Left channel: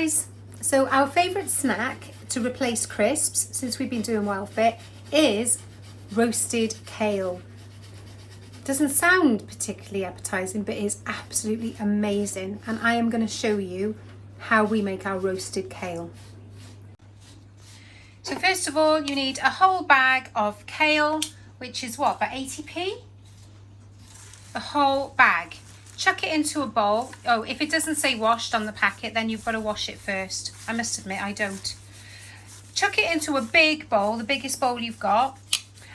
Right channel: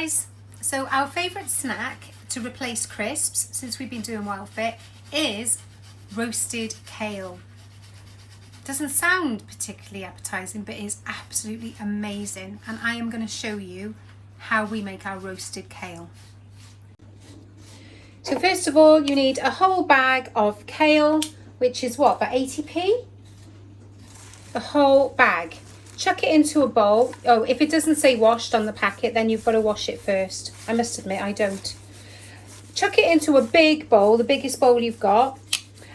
guys, so our favourite snack to replace crisps since we've been doing Wild Fit is roasted kale. Doesn't sound particularly appetizing, but is absolutely amazing, and I am going to show you how we make our roasted kale. So first of all, you need a whole bag of kale, which is what, about 80p? A whole bag. Chuck it into a bowl. Oh, if it doesn't say washed on the packet, then you've got to wash it first. I must admit, I don't. Chuck it into a big bowl, the biggest bowl you've got,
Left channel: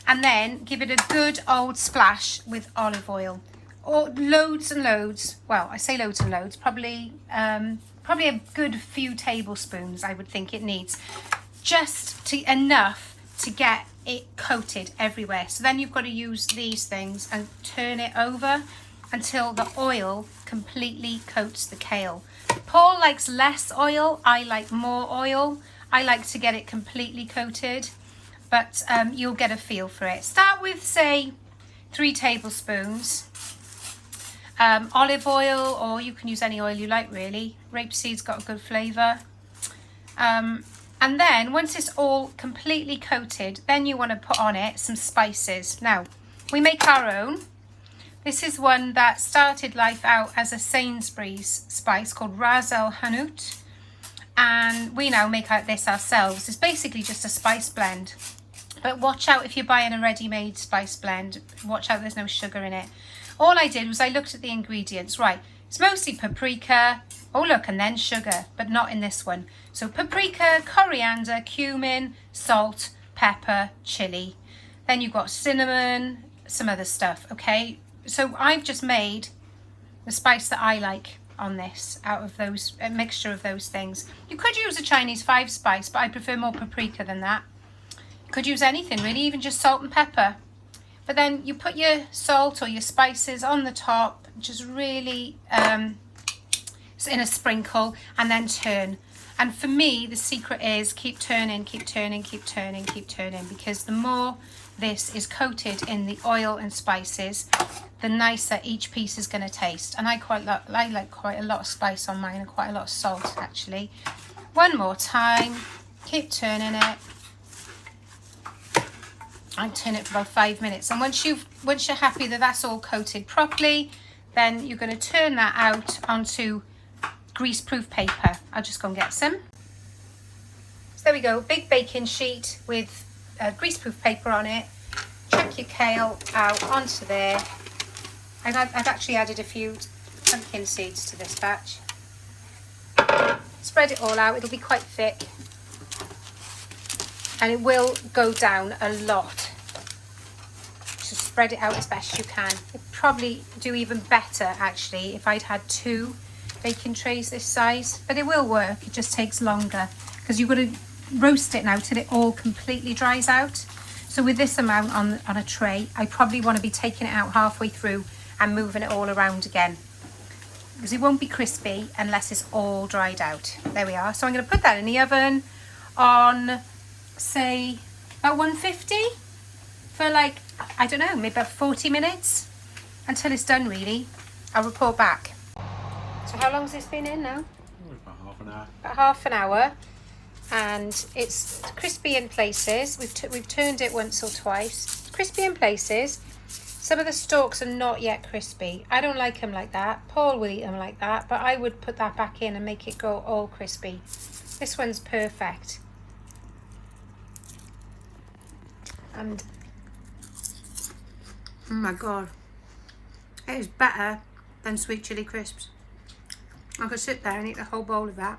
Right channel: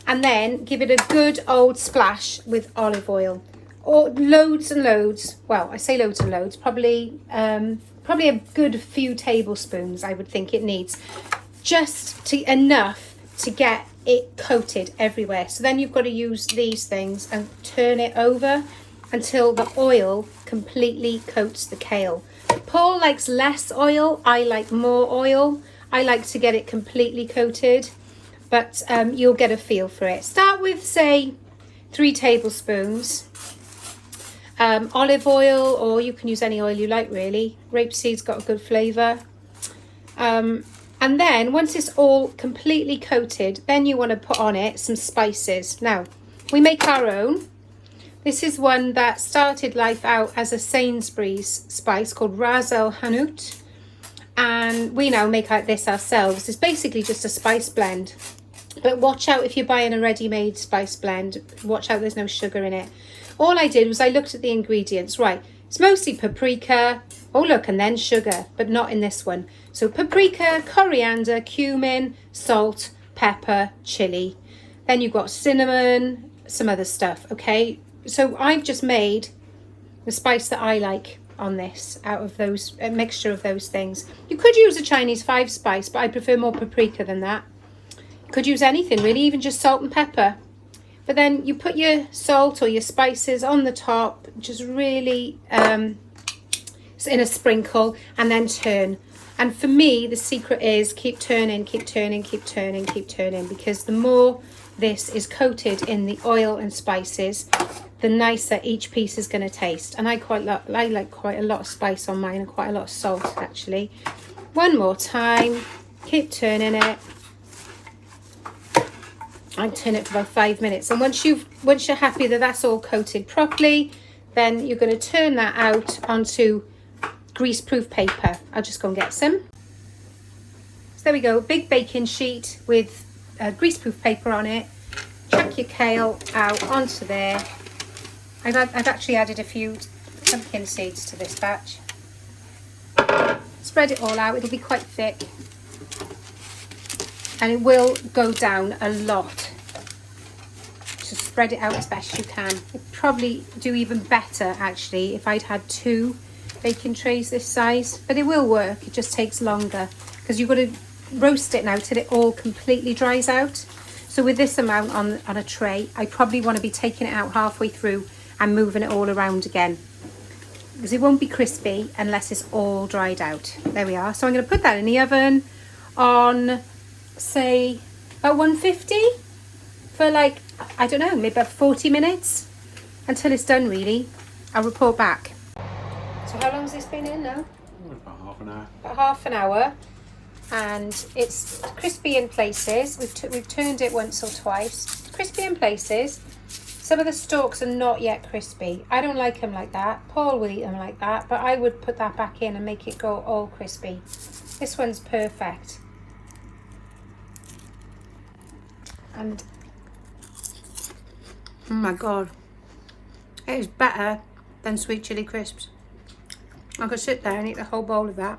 and then give it a good old splash with olive oil. Or loads and loads. Well, I say loads and loads. Probably a good few tablespoons, I would think it needs. Just enough to get it coated everywhere. So then you've got to use these things and turn it over until the oil completely coats the kale. Paul likes less oil, I like more oil. I like to get it completely coated, but you'll get a feel for it. Start with, say, 3 tablespoons olive oil, or you can use any oil you like really. Rapeseed's got a good flavour. And then once it's all completely coated, then you want to put on it some spices. Now, we make our own. This is one that started life out as a Sainsbury's spice called Ras El Hanout, and we now make out this ourselves. It's basically just a spice blend, but watch out if you're buying a ready-made spice blend. Watch out, there's no sugar in it. All I did was I looked at the ingredients. Right, it's mostly paprika, oh look, and then sugar, but not in this one. So paprika, coriander, cumin, salt, pepper, chili. Then you've got cinnamon, some other stuff, okay? So I've just made the spice that I like on this out of those, a mixture of those things. You could use a Chinese 5 spice, but I prefer more paprika than that. You could use anything really, even just salt and pepper. But then you put your salt or your spices on the top, just really in a sprinkle, and then turn. And for me, the secret is keep turning, keep turning, keep turning, keep turning, because the more this is coated in the oil and spices, the nicer each piece is going to taste. And I like quite a lot of spice on mine, and quite a lot of salt actually. One more time, keep turning it. I turn it for about 5 minutes, and once you're happy that that's all coated properly, then you're going to turn that out onto greaseproof paper. I'll just go and get some. So there we go, big baking sheet with greaseproof paper on it. Chuck your kale out onto there. I've actually added a few pumpkin seeds to this batch. Spread it all out, it'll be quite thick. And it will go down a lot. Just spread it out as best you can. It'd probably do even better actually if I'd had 2 baking trays this size, but it will work. It just takes longer because you've got to roast it now till it all completely dries out. So with this amount on a tray, I probably want to be taking it out halfway through and moving it all around again, because it won't be crispy unless it's all dried out. There we are. So I'm going to put that in the oven on, say, about 150 for like, I don't know, maybe about 40 minutes until it's done really. I'll report back. So how long has this been in now? About half an hour. About half an hour, and it's crispy in places. We've turned it once or twice. It's crispy in places. Some of the stalks are not yet crispy. I don't like them like that. Paul will eat them like that, but I would put that back in and make it go all crispy. This one's perfect. And oh my god, it is better than sweet chili crisps. I could sit there and eat the whole bowl of that.